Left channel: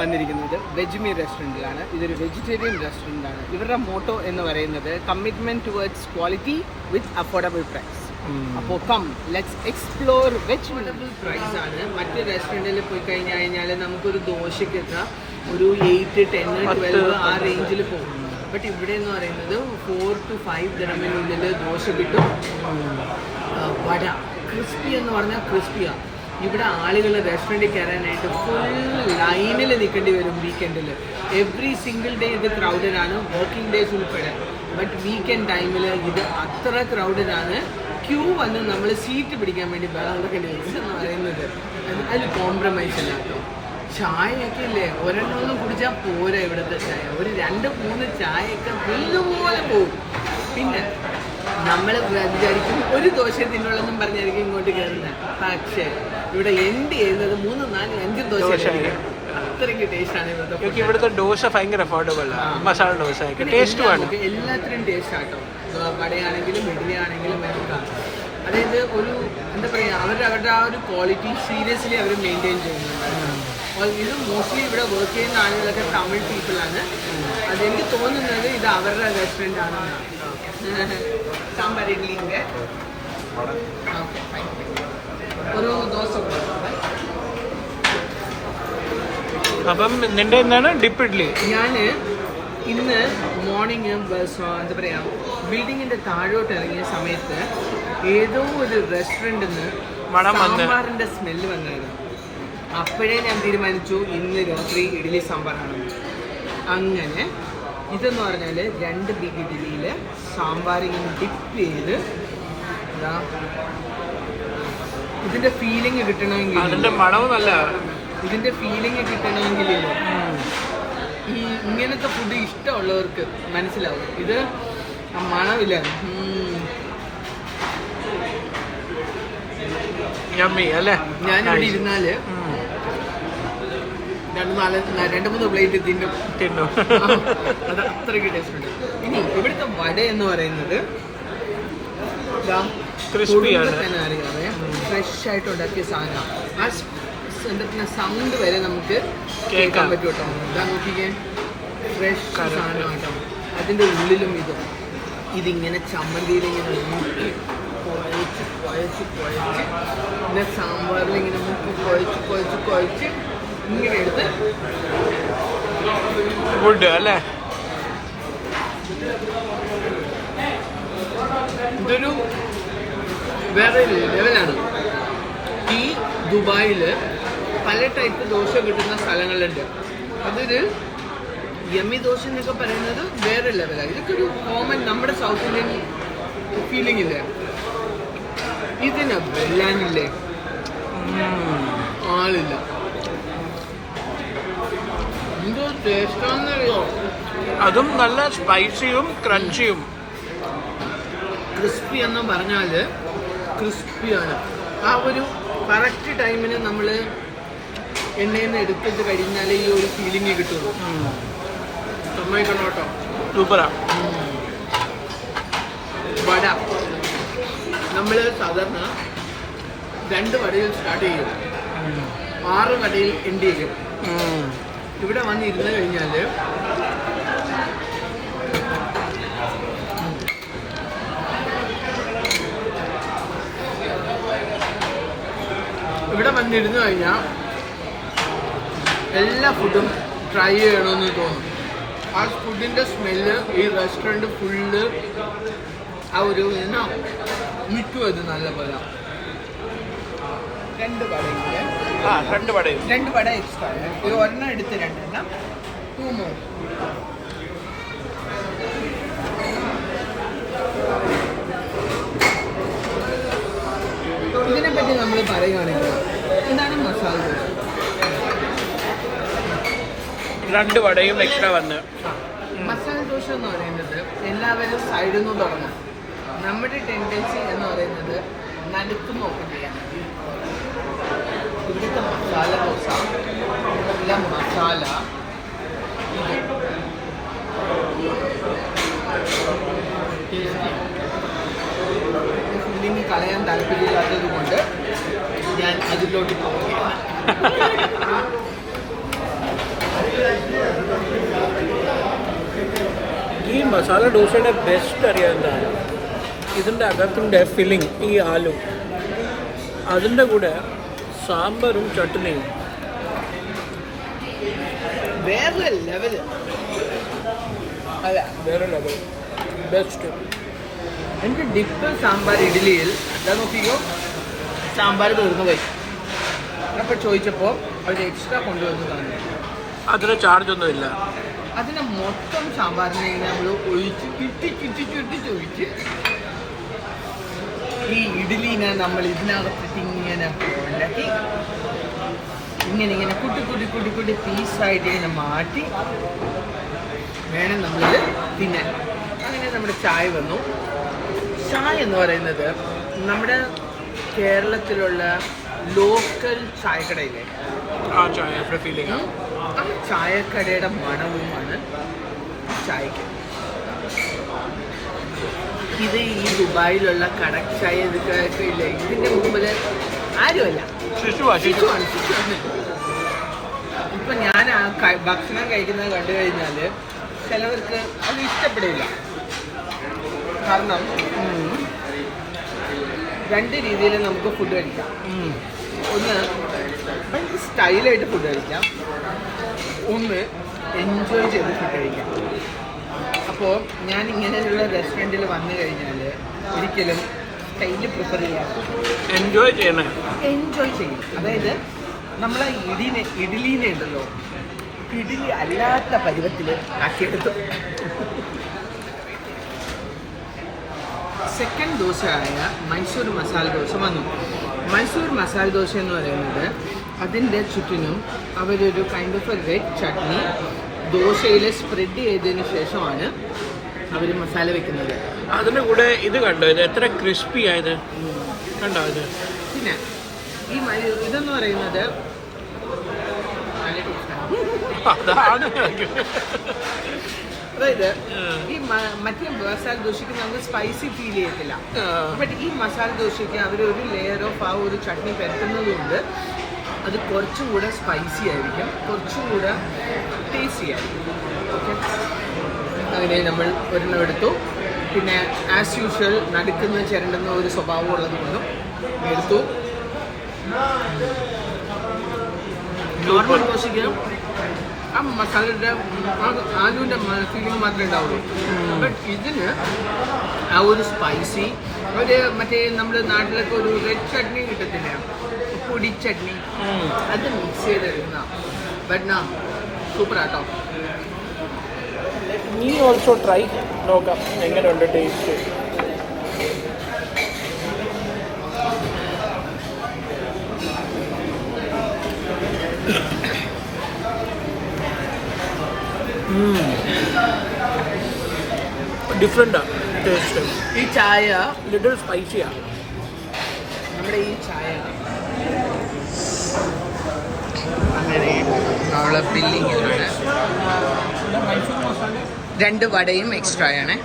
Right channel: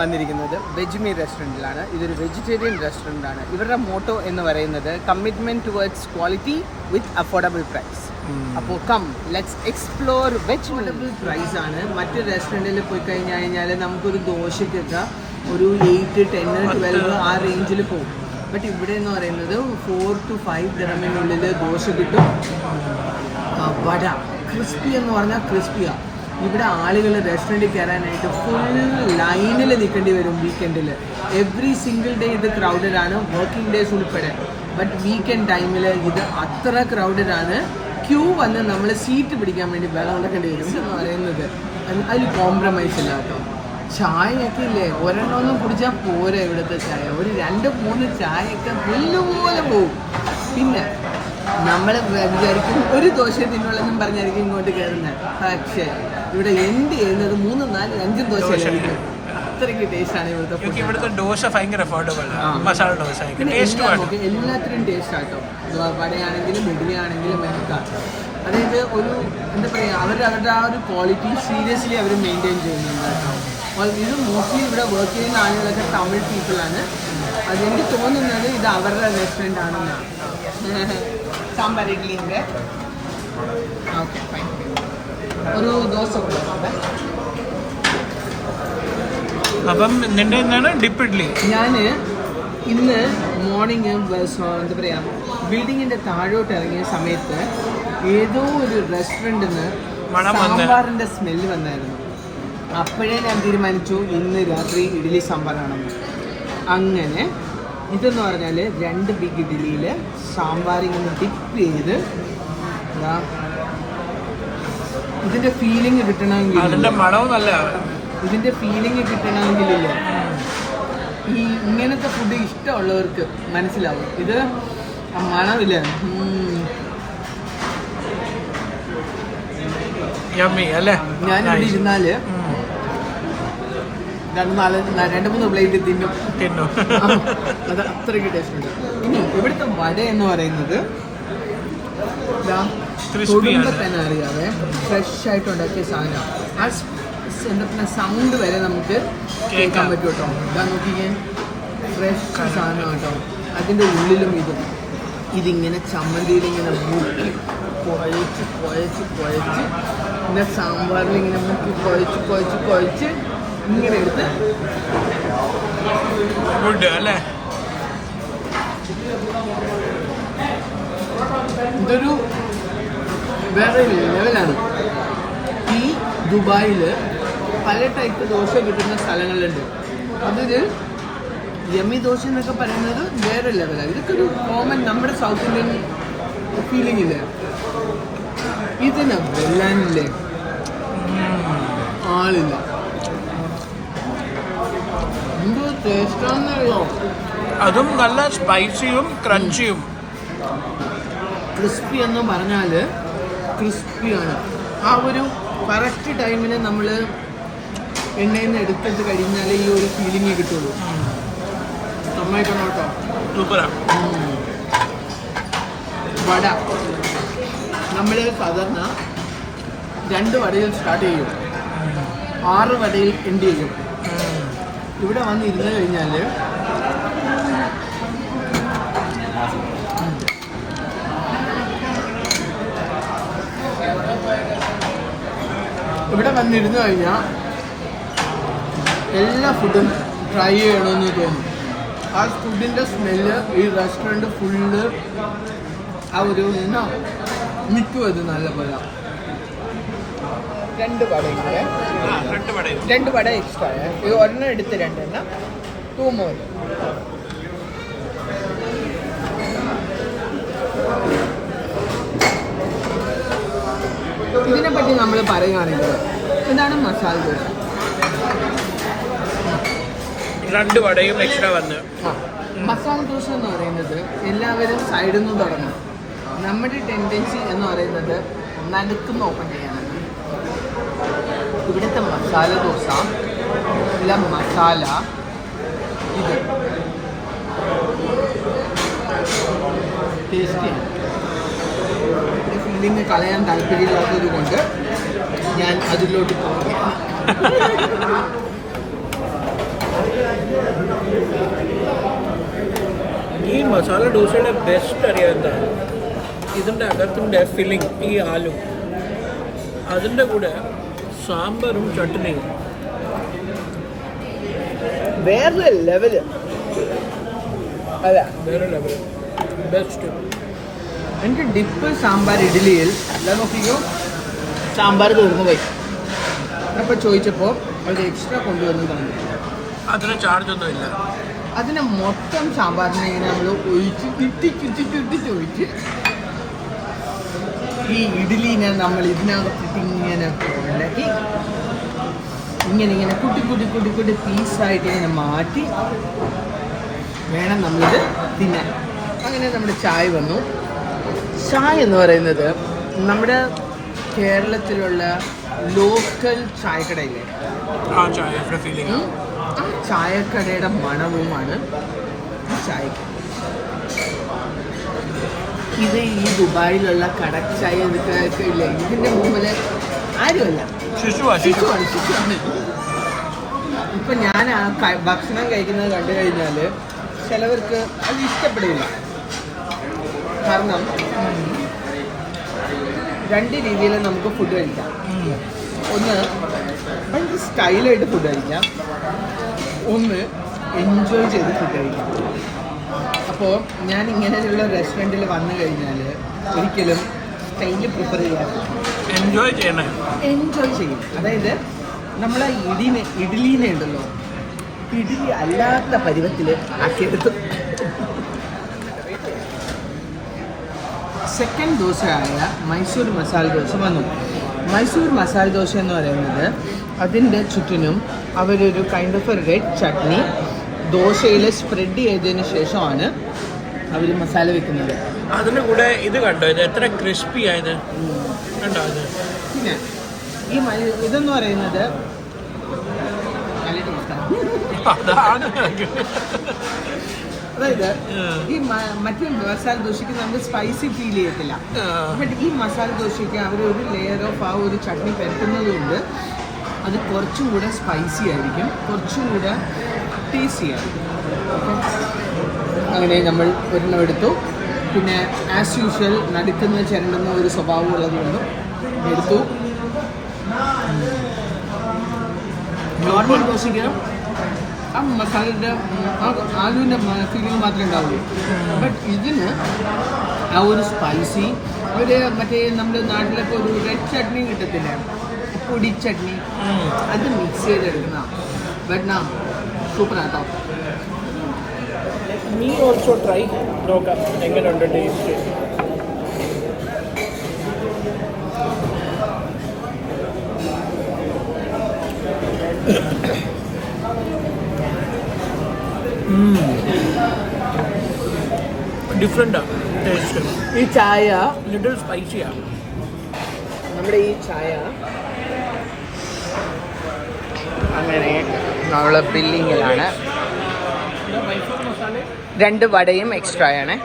വന്നിരിക്കുന്നത് വെജ്മി റെസ്റ്റോറൻറ്റിലാണ്. ഇതൊരു vegetarian restaurant ആണ്. ഇവരുടെ മോട്ടോ എന്ന് പറയുന്നത് കമ്മിറ്റ്മെൻറ്റ് ടുവേർഡ്സ് ക്വാളിറ്റി വിത്ത് അഫോർഡബിൾ പ്രൈസ്. അപ്പോൾ ലെറ്റ്സ് എക്സ്പ്ലോർ വെജ് പ്രൈസ് ആണ്. മറ്റ് റെസ്റ്റോറൻറ്റിൽ പോയി കഴിഞ്ഞാൽ നമുക്കൊരു ദോശയ്ക്കൊക്കെ ഒരു 8, 10, 12 ആ റേഞ്ചിൽ പോകും. ബട്ട് ഇവിടെ എന്ന് പറയുന്നത് 4 to 5 ദിറമിനുള്ളിൽ ദോശ കിട്ടും. വട ക്രിസ്പി എന്ന് പറഞ്ഞാൽ ക്രിസ്പിയാണ്. ഇവിടെ ആളുകൾ റെസ്റ്റോറൻറ്റിൽ കയറാനായിട്ട് ഫുൾ ലൈനിൽ നിൽക്കേണ്ടി വരും വീക്കെൻഡിൽ. എവറി സിംഗിൾ ഡേ ഇത് ക്രൗഡഡ് ആണ്, വർക്കിംഗ് ഡേയ്സ് ഉൾപ്പെടെ. ബട്ട് വീക്കെൻഡ് ടൈമിൽ ഇത് അത്ര ക്രൗഡഡ് ആണ്. ക്യൂ വന്ന് നമ്മൾ സീറ്റ് പിടിക്കാൻ വേണ്ടി വെള്ളം കൊടുക്കേണ്ടി വരും എന്ന് പറയുന്നത്. അതിൽ കോംപ്രമൈസ് ഇല്ല കേട്ടോ. ചായയൊക്കെ ഇല്ലേ, ഒരെണ്ണമൊന്നും കുടിച്ചാൽ പോരാ ഇവിടുത്തെ ചായ. ഒരു 2-3 ചായയൊക്കെ പുല്ലുപോലെ പോകും. പിന്നെ നമ്മൾ വിചാരിക്കും ഒരു ദോശ തിന്നുള്ളെന്നും പറഞ്ഞായിരിക്കും ഇങ്ങോട്ട് കയറുന്നത്. പക്ഷേ ഇവിടെ എൻഡ് ചെയ്യുന്നത് 3, 4, 5 ദോശ. അത്രയ്ക്ക് ടേസ്റ്റാണ് ഇവിടുത്തെ ദോശ. ഭയങ്കര അഫോർഡബിൾ മസാല ദോശ. എല്ലാത്തിനും ടേസ്റ്റ് ആട്ടോ. വടയാണെങ്കിലും ഇഡ്ഡലിയാണെങ്കിലും ഒക്കെ. അതായത് ഒരു എന്താ പറയുക, അവരുടെ ആ ഒരു ക്വാളിറ്റി സീരിയസ്ലി അവർ മെയിൻറ്റെയിൻ ചെയ്യുന്നുണ്ട്. ഇത് മോസ്റ്റ്ലി ഇവിടെ വർക്ക് ചെയ്യുന്ന ആളുകളൊക്കെ തമിഴ് പീപ്പിളാണ്. അതെനിക്ക് തോന്നുന്നത് ഇത് അവരുടെ റെസ്റ്റോറൻ്റ് ആണെന്നാണ്. സാമ്പാർ ഇഡ്ഡലി ഓക്കെ, ഒരു ദോശ. അപ്പം നിന്റെ എന്താണ് ഡിപ്പ് ഇഡ്ഡലി? ഞാൻ ഇന്ന് മോർണിംഗ് എന്താ പറയുക, ബിൽഡിങ്ങിൻ്റെ താഴോട്ട് ഇറങ്ങിയ സമയത്ത് ഏതോ ഒരു റെസ്റ്റോറൻറ്റിൽ നിന്ന് സാമ്പാറിൻ്റെ സ്മെല്ല് വന്നായിരുന്നു. അപ്പോഴേ ഞാൻ തീരുമാനിച്ചു ഇന്ന് രാത്രി ഇഡ്ഡലി സാമ്പാറാണെന്ന്. അങ്ങനെ ഇതെന്ന് പറഞ്ഞാൽ 2 ബിഗ് ഇഡ്ഡലിയിൽ സാമ്പാർ ഇങ്ങനെ ഡിപ്പ് ചെയ്ത് ഇതിൻ്റെ ഫീലിംഗ് കിട്ടണമെങ്കിൽ, ഇതിൻ്റെ ഫീലിംഗ് കിട്ടണമെങ്കിലില്ല, ഈ ഇങ്ങനത്തെ ഫുഡ് ഇഷ്ടമുള്ളവർക്ക് മനസ്സിലാവും. ഇത് മണമില്ല. ഞാനിവിടെ ഇരുന്നാല് 2-3 പ്ലേറ്റ് തിന്നും. അത് അത്രയ്ക്ക് ടേസ്റ്റ് ഉണ്ട്. ഇനി ഇവിടുത്തെ വട എന്ന് പറയുന്നത് തന്നെ അറിയാതെ ഫ്രഷ് ആയിട്ട് ഉണ്ടാക്കിയ സാധനം. ആ എന്താ സൗണ്ട് വരെ നമുക്ക് കേൾക്കാൻ പറ്റും കേട്ടോ. ഇതാ നോക്കിക്കേ, ഫ്രഷ് സാധനം കേട്ടോ. അതിൻ്റെ ഉള്ളിലും ഇതിങ്ങനെ ചമ്മന്തിയിൽ ഇങ്ങനെ മുക്കി കുഴച്ച് പിന്നെ സാമ്പാറിൽ ഇങ്ങനെ മുക്കി കുഴച്ച് ഇങ്ങനെ എടുത്ത് ഫുഡ് അല്ലേ. ഇതൊരു വേറെ ലെവലാണ്. ഈ ദുബായിൽ പല ടൈപ്പ് ദോശ കിട്ടുന്ന സ്ഥലങ്ങളുണ്ട്. അതൊരു യമി ദോശ എന്നൊക്കെ പറയുന്നത് വേറെ ലെവലാണ്. ഇതൊക്കെ ഒരു കോമൺ നമ്മുടെ സൗത്ത് ഇന്ത്യൻ ഫീലിംഗ് ഇല്ലേ. ഇതിന് വെല്ലാനില്ലേ, ആളില്ല. എന്തോ ടേസ്റ്റാണെന്നറിയോ. അതും നല്ല സ്പൈസിയും ക്രഞ്ചിയും. ക്രിസ്പി എന്ന് പറഞ്ഞാൽ ക്രിസ്പിയാണ്. ആ ഒരു കറക്റ്റ് ടൈമിന് നമ്മൾ എണ്ണയിൽ നിന്ന് എടുത്തിട്ട് കഴിഞ്ഞാലേ ഈ ഒരു ഫീലിംഗ് കിട്ടുള്ളൂ. സമ്മതിക്കണം കേട്ടോ. സൂപ്പറാണ്. വട നമ്മൾ സാധാരണ 2 വടയിൽ സ്റ്റാർട്ട് ചെയ്യും, 6 വടയിൽ എൻഡ് ചെയ്യും. ഇവിടെ വന്ന് ഇരുന്ന് കഴിഞ്ഞാൽ എല്ലാ ഫുഡും ട്രൈ ചെയ്യണമെന്ന് തോന്നും. ആ ഫുഡിൻ്റെ സ്മെല്ല് ഈ റെസ്റ്റോറൻറ്റ് ഫുള്ള് ആ ഒരു നിൽക്കും. അത് നല്ല പോലെ 2 വടയും കൂടെ, 2 വട എക്സ്ട്രാ. ഒരെണ്ണം എടുത്ത് 2 എണ്ണം, 2 more. ഇതിനെപ്പറ്റി നമ്മൾ പറയുകയാണെങ്കിൽ എന്താണ് മസാല ദോശ? 2 വടയും എക്സ്ട്രാ വന്ന്. മസാല ദോശ എന്ന് പറയുന്നത് എല്ലാവരും സൈഡിൽ നിന്ന് തുടങ്ങും. നമ്മുടെ ടെൻഡൻസി എന്ന് പറയുന്നത് നടുക്കുന്ന് ഓപ്പൺ ചെയ്യാനാണ്. ഇവിടുത്തെ മസാല ദോശ നല്ല മസാല ഇത് ടേസ്റ്റിയാണ്. ഫില്ലിങ് കളയാൻ താല്പര്യമില്ലാത്തത് കൊണ്ട് ഞാൻ അതിലോട്ട് പോവുകയാണ്. മസാല ദോശയുടെ ബെസ്റ്റ് അറിയാം എന്താണ്, ഇതിൻ്റെ അകത്തിൻ്റെ ഫില്ലിങ് ഈ ആലു, അതിൻ്റെ കൂടെ സാമ്പാറും ചട്നിയും വേറെ ലെവല്. അതെ, വേറെ ലെവൽ, ബെസ്റ്റ്. എനിക്ക് ഡിപ്പ് സാമ്പാർ ഇഡ്ഡലിയിൽ ഞാൻ നോക്കിയോ സാമ്പാർ തീർന്നു പോയി. അപ്പോൾ ചോദിച്ചപ്പോൾ അവർ എക്സ്ട്രാ കൊണ്ടുവന്ന് തന്നു. അതിന് ചാർജൊന്നും ഇല്ല. അതിനെ മൊത്തം സാമ്പാറിനെ ഇങ്ങനെ നമ്മൾ ഒഴിച്ച് ഒഴിച്ച് ഈ ഇഡ്ഡലിനെ നമ്മൾ ഇതിനകത്തിട്ട് ഇങ്ങനെ ഉണ്ടാക്കി ഇങ്ങനെ കുട്ടി പീസായിട്ട് ഇങ്ങനെ മാറ്റി വേണം നമ്മളിത് തിന്നാൻ. അങ്ങനെ നമ്മുടെ ചായ വന്നു. ചായ എന്ന് പറയുന്നത് നമ്മുടെ കേരളത്തിലുള്ള ലോക്കൽ ചായക്കടയില്ലേ, ആ ചായ ഫീലിംഗ്, ആ ചായക്കടയുടെ മണവുമാണ് ഈ ചായക്ക്. ഇത് ഈ ദുബായിലുള്ള കടക് ചായ ഇതൊക്കെ ഇല്ല, ഇതിൻ്റെ മുമ്പിൽ ആരുമല്ല, ശിശുവാണ്. ഇപ്പം ഞാൻ ആ ഭക്ഷണം കഴിക്കുന്നത് കണ്ടു കഴിഞ്ഞാൽ ചിലവർക്ക് അത് ഇഷ്ടപ്പെടില്ല. കാരണം രണ്ട് രീതിയിൽ നമുക്ക് ഫുഡ് കഴിക്കാം. ഒന്ന് ഭയങ്കര സ്റ്റൈലായിട്ട് ഫുഡ് കഴിക്കാം, ഒന്ന് എൻജോയ് ചെയ്ത് ഫുഡ് കഴിക്കാം. അപ്പോൾ ഞാൻ ഇങ്ങനെയുള്ള റെസ്റ്റോറൻറ്റിൽ വന്നു കഴിഞ്ഞാൽ ഒരിക്കലും സ്റ്റൈല് പ്രിഫർ ചെയ്യാറ്, എൻജോയ് ചെയ്യണം. അതായത് നമ്മളെ ഇഡ്ഡലീനെ ഉണ്ടല്ലോ, ഇഡ്ഡലി അല്ലാത്ത പരുവത്തിൽ ആക്കിയെടുത്തു. സെക്കൻഡ് ദോശയായ മൈസൂർ മസാല ദോശ വന്നു. മൈസൂർ മസാല ദോശ എന്ന് പറയുന്നത് അതിൻ്റെ ചുറ്റിനും അവരൊരു കൈൻഡ് ഓഫ് റെഡ് ചട്നി ദോശയിൽ സ്പ്രെഡ് ചെയ്തതിന് ശേഷമാണ് അവർ മസാല വെക്കുന്നത്. അതിൻ്റെ കൂടെ ഇത് കണ്ടോ, ഇത് എത്ര ക്രിസ്പി ആയത് കണ്ടോ ഇത്. പിന്നെ ഈ ഇതെന്ന് പറയുന്നത് അതായത് ഈ മറ്റേ മസാല ദോശയ്ക്ക് നമുക്ക് സ്പൈസി ഫീൽ ചെയ്യത്തില്ല. ബട്ട് ഈ മസാല ദോശയ്ക്ക് അവരൊരു ലെയർ ഓഫ് ആ ഒരു ചട്നി പരത്തുന്നതുകൊണ്ട് അത് കുറച്ചും കൂടെ സ്പൈസി ആയിരിക്കും, കുറച്ചും കൂടെ ടേസ്റ്റി ആയിരിക്കും. അങ്ങനെ നമ്മൾ ഒരെണ്ണം എടുത്തു. പിന്നെ ആസ് യൂഷ്വൽ നടുക്കുന്ന ചിരണ്ടുന്ന ഒരു സ്വഭാവം ഉള്ളതുകൊണ്ടും എടുത്തു. നോർമൽ ദോശയ്ക്ക് ആ മസാലയുടെ ആലുവിൻ്റെ ഫീലിംഗ് മാത്രമേ ഉണ്ടാവുള്ളൂ. ബട്ട് ഇതിന് ആ ഒരു സ്പൈസി ഒരു മറ്റേ നമ്മുടെ നാട്ടിലൊക്കെ ഒരു റെഡ് ചട്നി കിട്ടത്തില്ലേ, പൊടി ചട്നി, അത് മിക്സ് ചെയ്തെടുക്കുന്ന ബട്ട് നാ സൂപ്പർ ആട്ടോ. നീ ഓൾസോ ട്രൈ നോക്കാം എങ്ങനെയുണ്ട് ടേസ്റ്റ്. ഡിഫറെൻ്റാണ് ടേസ്റ്റ്. ഈ ചായ ലിറ്റിൽ സ്പൈസിയാണ്. നമ്മുടെ ഈ ചായ അങ്ങനെ നമ്മൾ ബില്ലിങ്ങിലാണ്. 2 വടയും എക്സ്ട്രാ ആണ്.